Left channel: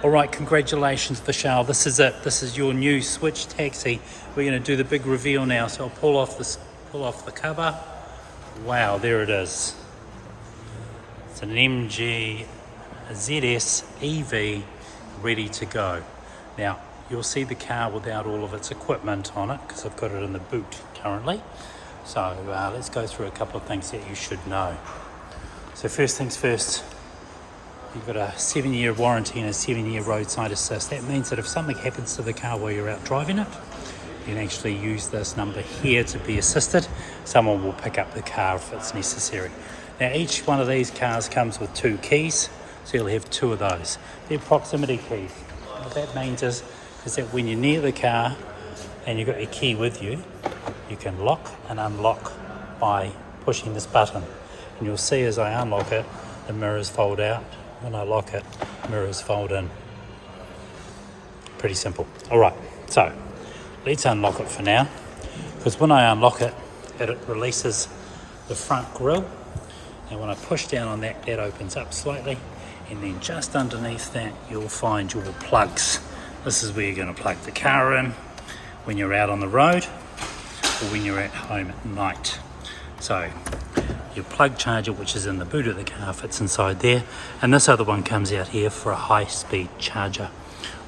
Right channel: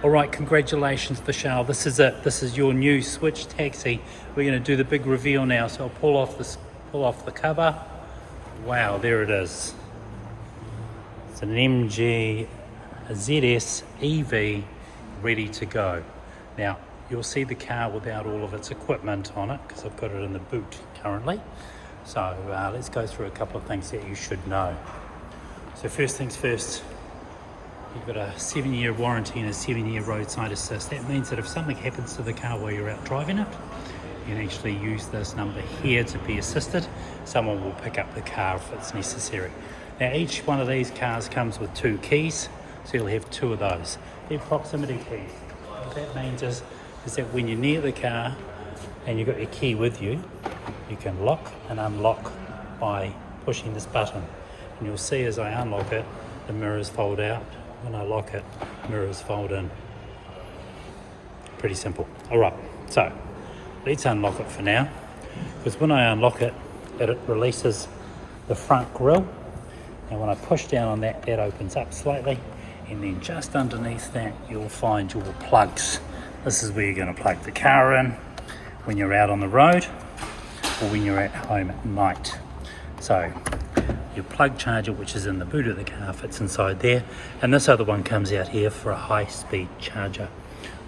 All right, congratulations, Vishal. This is it. This is your new switch taxi. We're going to do the big reveal now. So I'll pull off the cover. Wow, there it is. It's an MGZSEV ready to go. Now, you'll see the car without all of its equipment on it because I've got it in the boot currently. So let's go through a couple of things that you should know. So first things first, you've got a 7-year warranty and a 7-year roadside assist. That means that if something happens to the car while you're out driving it, you can actually use this number here to be assisted. Someone will pick up the car if it's necessary. Now each one of these cars comes with 2 keys, so you'll have 2 of those. They're proximity keys. What that means is that when you're near the car and you've got your key with you, you can lock and unlock by pushing this button. And you'll see as I unlock it, the mirrors fold out. When I lock it, mirrors fold in. Pretty simple. All right, so let's unlock it for now, because when I unlock it, it releases the front grille, and when I push down on that, that opens up slightly, and then just underneath that you'll find your plugs. This is where you're going to plug the car in when you're out on the road or when you're at home at night. So your plug charger, which is in the boot of the car, fits inside there, and this other one comes out here for a high-speed charger.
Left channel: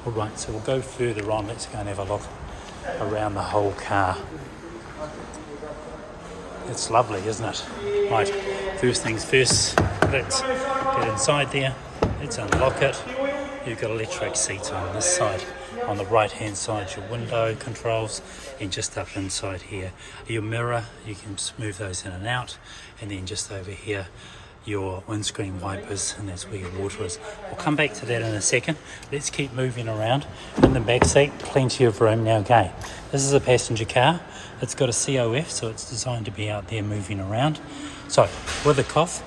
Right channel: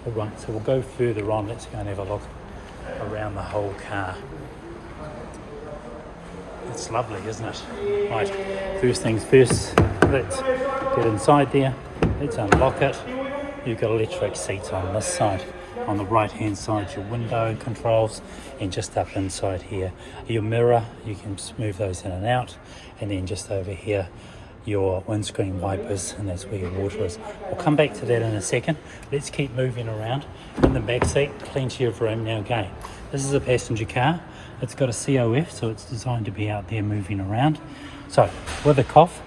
All right, so we'll go further on. Let's go and have a look around the whole car. It's lovely, isn't it? Right, first things first, let's get inside there. Let's unlock it. You've got electric seats on this side. On the right hand side, your window controls, and just up inside here, your mirror, you can move those in and out, and then just over here, your windscreen wipers, and that's where your water is. We'll come back to that in a second. Let's keep moving around. In the back seat, plenty of room. Now, okay, this is a passenger car. It's got a COF, so it's designed to be out there moving around. So, with a cough,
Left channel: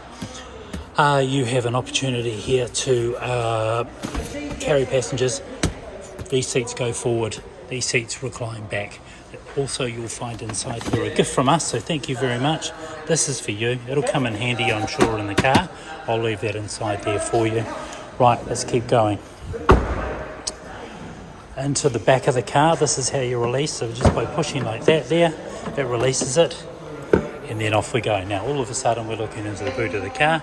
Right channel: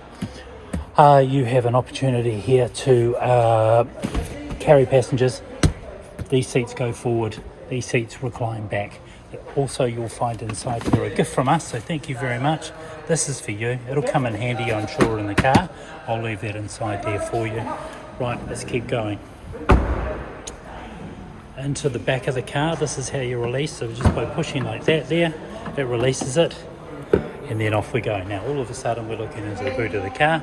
you have an opportunity here to carry passengers. These seats go forward, these seats recline back. Also, you'll find inside here a gift from us, so thank you very much. This is for you. It'll come in handy, I'm sure, in the car. I'll leave that inside there for you. Right, let's keep going. Into the back of the car, this is how you release. So just by pushing like that there, it releases it, and then off we go. Now, all of a sudden, we're looking into the boot of the car.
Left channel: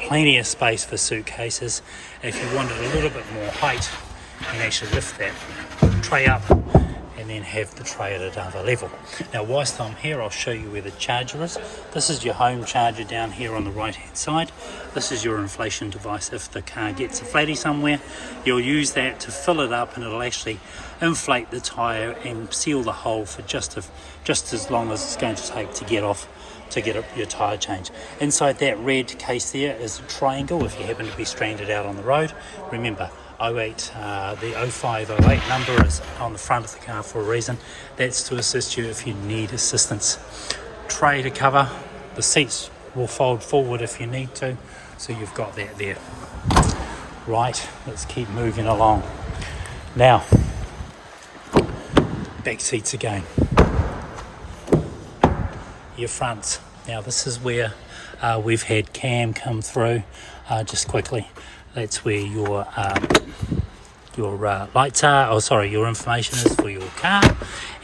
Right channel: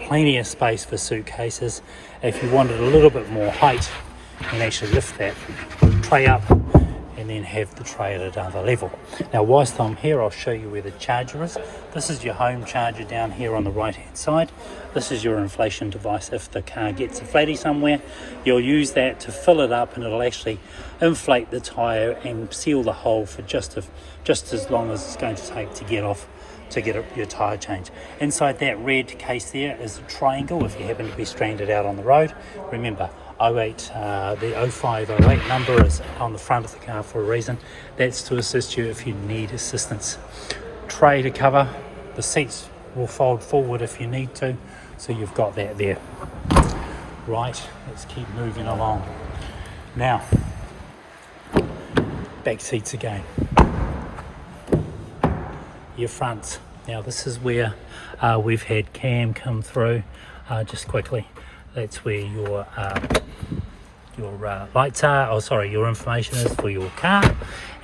Plenty of space for suitcases. If you wanted a little bit more height, you can actually lift that tray up and then have the tray at another level. Now, whilst I'm here, I'll show you where the charger is. This is your home charger down here on the right hand side. This is your inflation device. If the car gets a flatty somewhere, you'll use that to fill it up, and it'll actually inflate the tyre and seal the hole for just as long as it's going to take to get off to get your tyre change. Inside that red case there is a triangle if you happen to be stranded out on the road. Remember, the 0508 number is on the front of the car for a reason. That's to assist you if you need assistance. Tray to cover. The seats will fold forward if you need to, so you've got that there. Right, let's keep moving along. Now, back seats again. Your front. Now this is where we've had Cam come through. Just quickly, that's where your lights are, your information is for your car.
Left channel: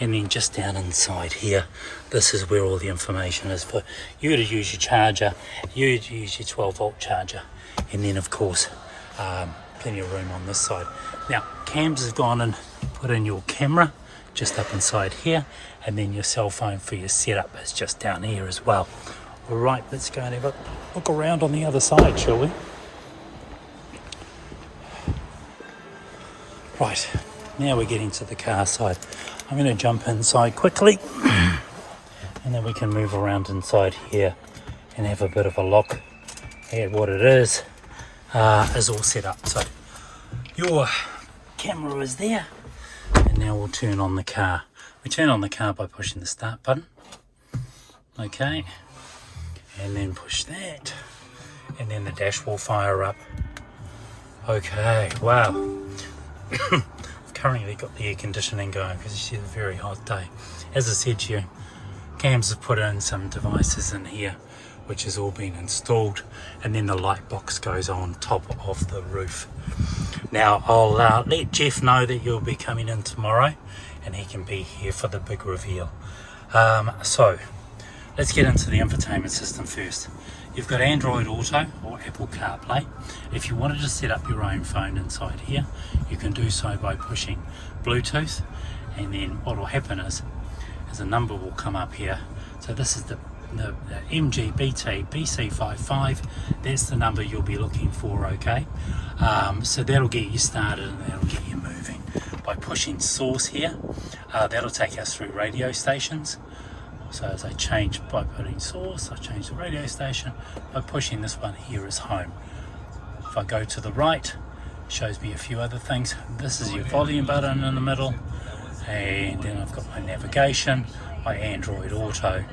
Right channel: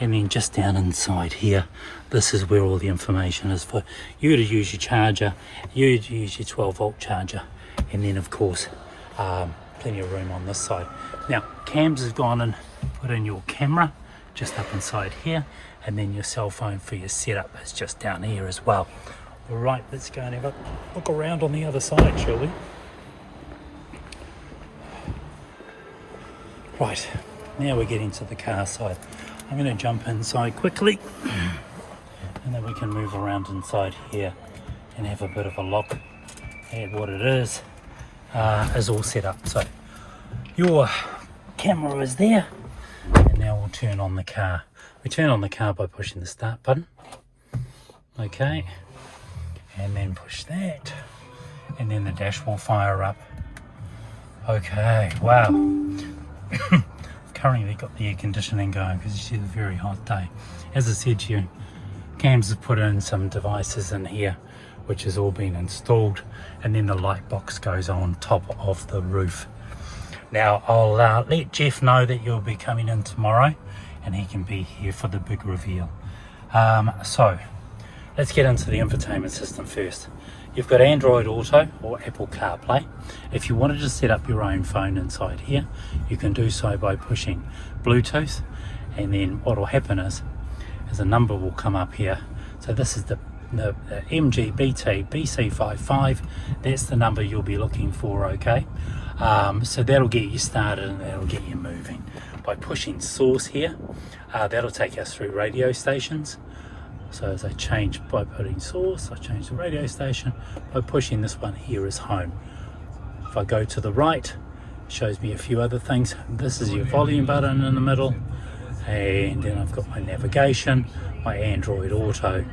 And then just down inside here, this is where all the information is for you to use your charger, you to use your 12-volt charger, and then of course plenty of room on this side. Now, Cam's has gone and put in your camera just up inside here, and then your cell phone for your setup is just down here as well. All right, let's go and have a look around on the other side, shall we? Right, now we're getting to the car side. I'm going to jump inside quickly, and then we can move around inside here and have a bit of a look at what it is all set up. So your camera is there, and now we'll turn on the car. We turn on the car by pushing the start button. Okay, and then push that, and then the dash will fire up. Okay, wow. I've currently got the air conditioning going because it's a very hot day. As I said to you, Cams have put in some devices in here which has all been installed, and then the light box goes on top of the roof. Now I'll let Jeff know that you'll be coming in tomorrow, and he can be here for the big reveal. So let's get into the infotainment system first. You've got Android Auto or Apple CarPlay. If you wanted to set up your own phone inside here, you can do so by pushing Bluetooth, and then what will happen is a number will come up here. So this is the MGZSEV. That's the number you'll be looking for, okay? So that'll get you started and that'll get you moving. By pushing source here, that'll take us through radio stations. So as I change, by putting source, I change the radio station. By pushing this one here is home. If I go to the right, it shows me a few other things. This is your volume button in the middle, and then I've got my navigation, my Android Auto.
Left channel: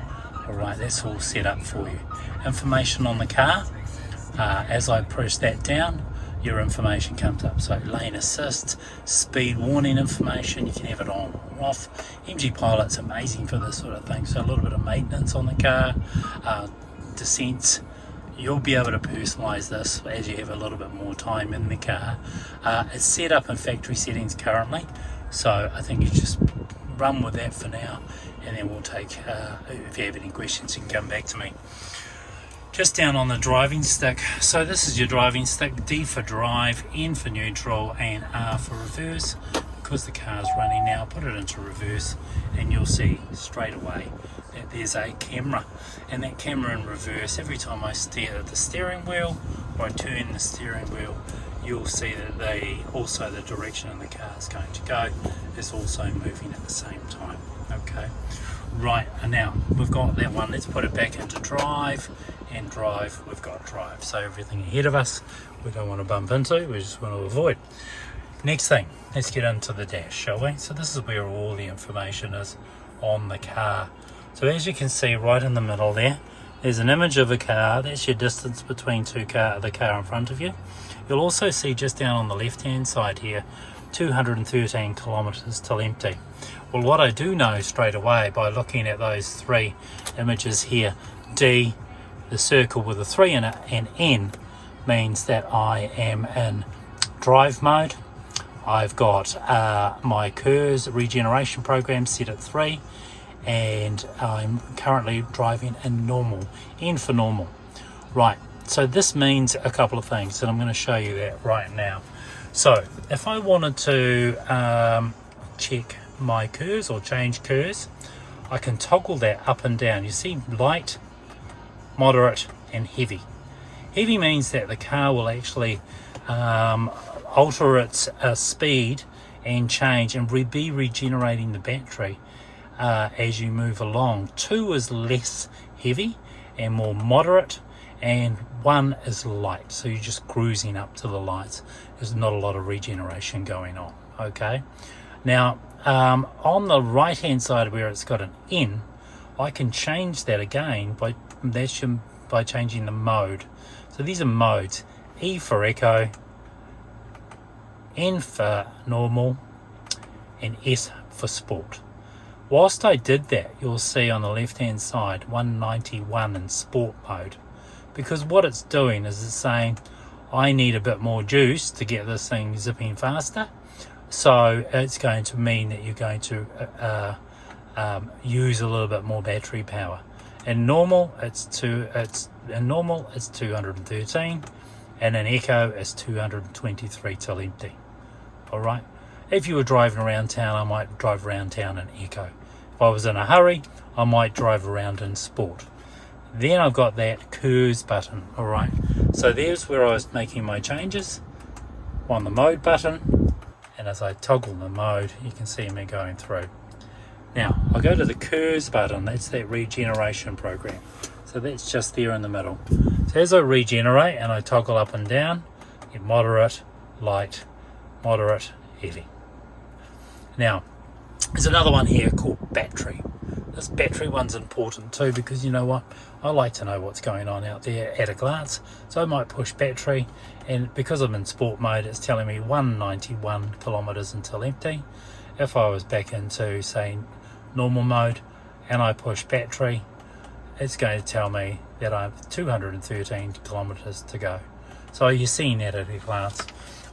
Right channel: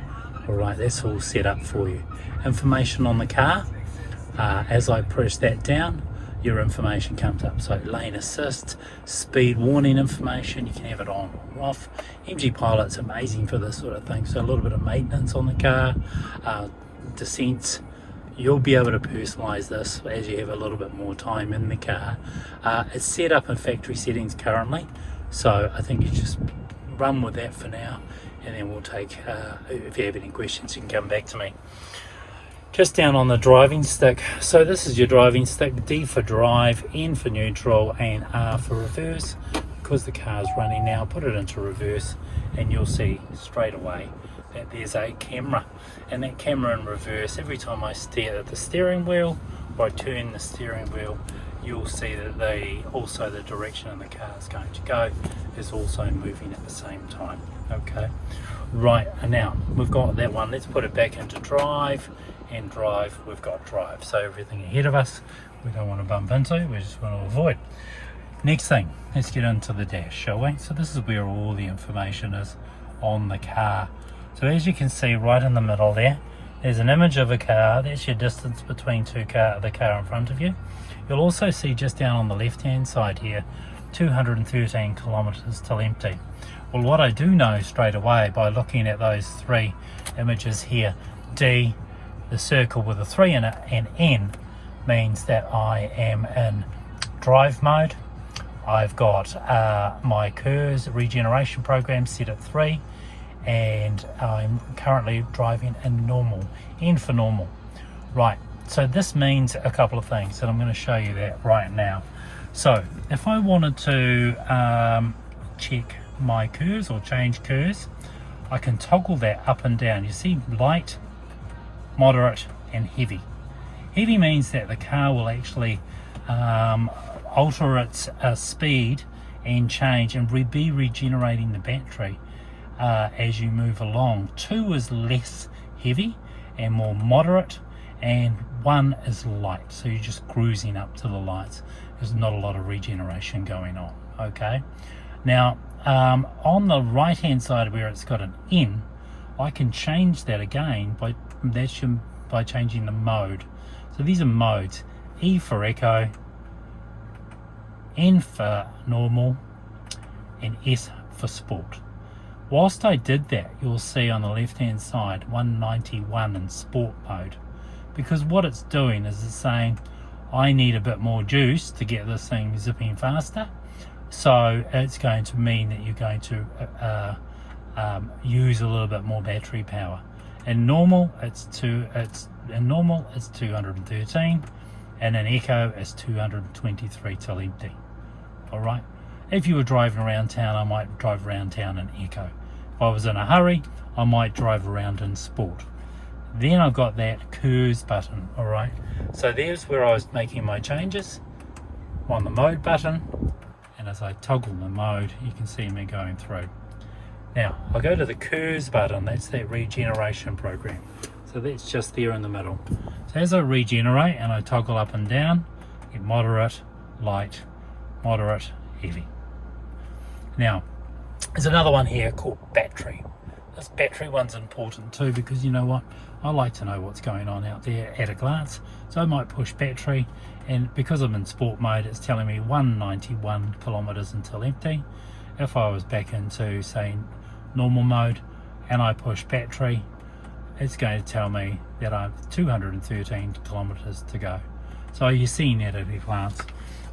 All right, that's all set up for you. Information on the car, as I press that down, your information comes up. So lane assist, speed warning information, you can have it on or off. MG Pilot's amazing for this sort of thing. So a little bit of maintenance on the car, descents. You'll be able to personalize this as you have a little bit more time in the car. It's set up in factory settings currently, so I think you just run with that for now, and then we'll take, if you have any questions, you can come back to me. Just down on the driving stick, so this is your driving stick, D for drive, N for neutral, and R for reverse. Because the car's running now, put it into reverse, and you'll see straight away that there's a camera, and that camera in reverse, every time I stare at the steering wheel or I turn the steering wheel, you'll see that also the direction of the car is going to go is also moving at the same time. Okay, right, and now we've got that one. Let's put it back into drive, and drive, we've got drive. So everything ahead of us we don't want to bump into, we just want to avoid. Next thing, let's get into the dash, shall we? So this is where all the information is on the car. So as you can see right in the middle there's an image of a car. That's your distance between the car in front of you. You'll also see just down on the left hand side here 213 kilometers till empty. Well, what I do know straight away by looking at those three images here, D, the circle with a 3 in it, and N means that I am in drive mode. I've got my KERS regeneration program set at 3, and I'm currently driving in normal, N for normal. Right, so this means a couple of things, and I'm going to show you that right now. So if I wanted to check my KERS or change KERS, I can toggle that up and down. You see light, moderate, and heavy. Heavy means that the car will actually alter its speed and change and be regenerating the battery as you move along. 2 is less heavy and more moderate, and 1 is light, so you're just cruising up to the lights. There's not a lot of regeneration going on. Okay, now on the right hand side where it's got an N, I can change that again by changing the mode. So these are modes: E for echo, N for normal, and S for sport. Whilst I did that, you'll see on the left hand side 191 in sport mode, because what it's doing is it's saying I need a bit more juice to get this thing zipping faster. So it's going to mean that you're going to use a little bit more battery power. In normal it's 213, and in echo it's 223 till empty. All right, if you were driving around town, I might drive around town in echo. If I was in a hurry, I might drive around in sport. Then I've got that KERS button. All right, so there's where I was making my changes on the mode button, and as I toggle the mode, you can see me going through. Now I go to the KERS button. That's that regeneration program, so that's just there in the middle. So as I regenerate and I toggle up and down, get moderate, light, moderate, heavy. Now there's another one here called battery. This battery one's important too, because you know what, I like to know what's going on out there at a glance. So I might push battery, and because I'm in sport mode, it's telling me 191 kilometers until empty. If I was back into, say, normal mode and I push battery, it's going to tell me that I have 213 kilometers to go. So you're seeing that at a glance.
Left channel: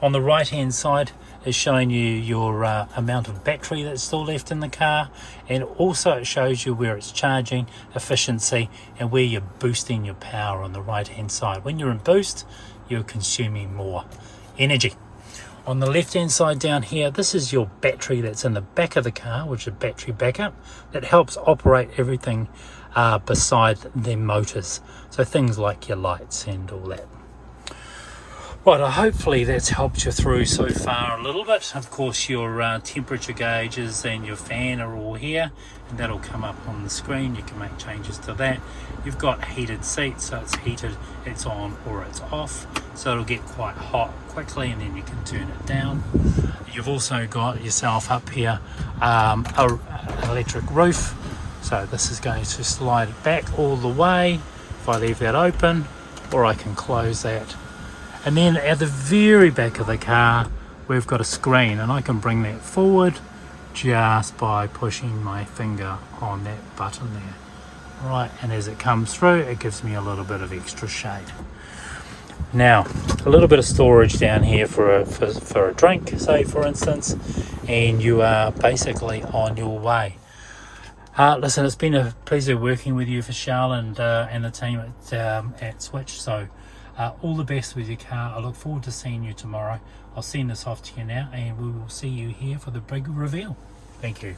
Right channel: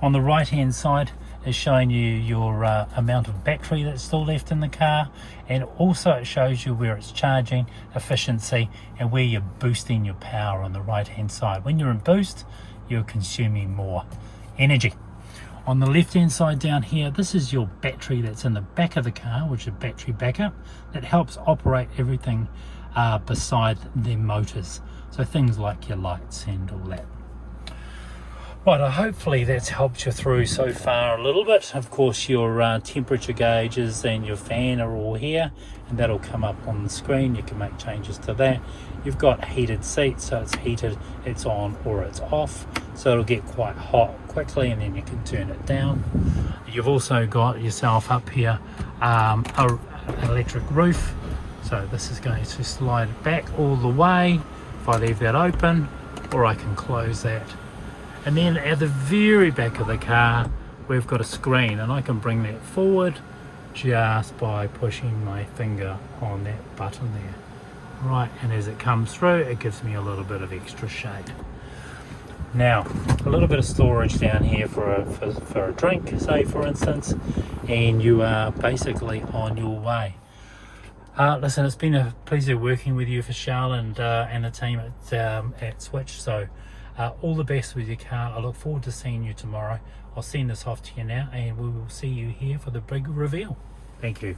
On the right hand side is showing you your amount of battery that's still left in the car, and also it shows you where it's charging, efficiency, and where you're boosting your power on the right hand side. When you're in boost, you're consuming more energy. On the left hand side down here, this is your battery that's in the back of the car, which is battery backup, that helps operate everything beside the motors, so things like your lights and all that. Right, hopefully that's helped you through so far a little bit. Of course, your temperature gauges and your fan are all here, and that'll come up on the screen. You can make changes to that. You've got heated seats, so it's heated, it's on or it's off, so it'll get quite hot quickly, and then you can turn it down. You've also got yourself up here an electric roof, so this is going to slide it back all the way if I leave that open, or I can close that. And then at the very back of the car, we've got a screen, and I can bring that forward just by pushing my finger on that button there. Right, and as it comes through, it gives me a little bit of extra shade. Now, a little bit of storage down here for a drink, say for instance, and you are basically on your way. Listen, it's been a pleasure working with you, Vishal, and the team at Switch. So all the best with your car. I look forward to seeing you tomorrow. I'll send this off to you now, and we will see you here for the big reveal. Thank you.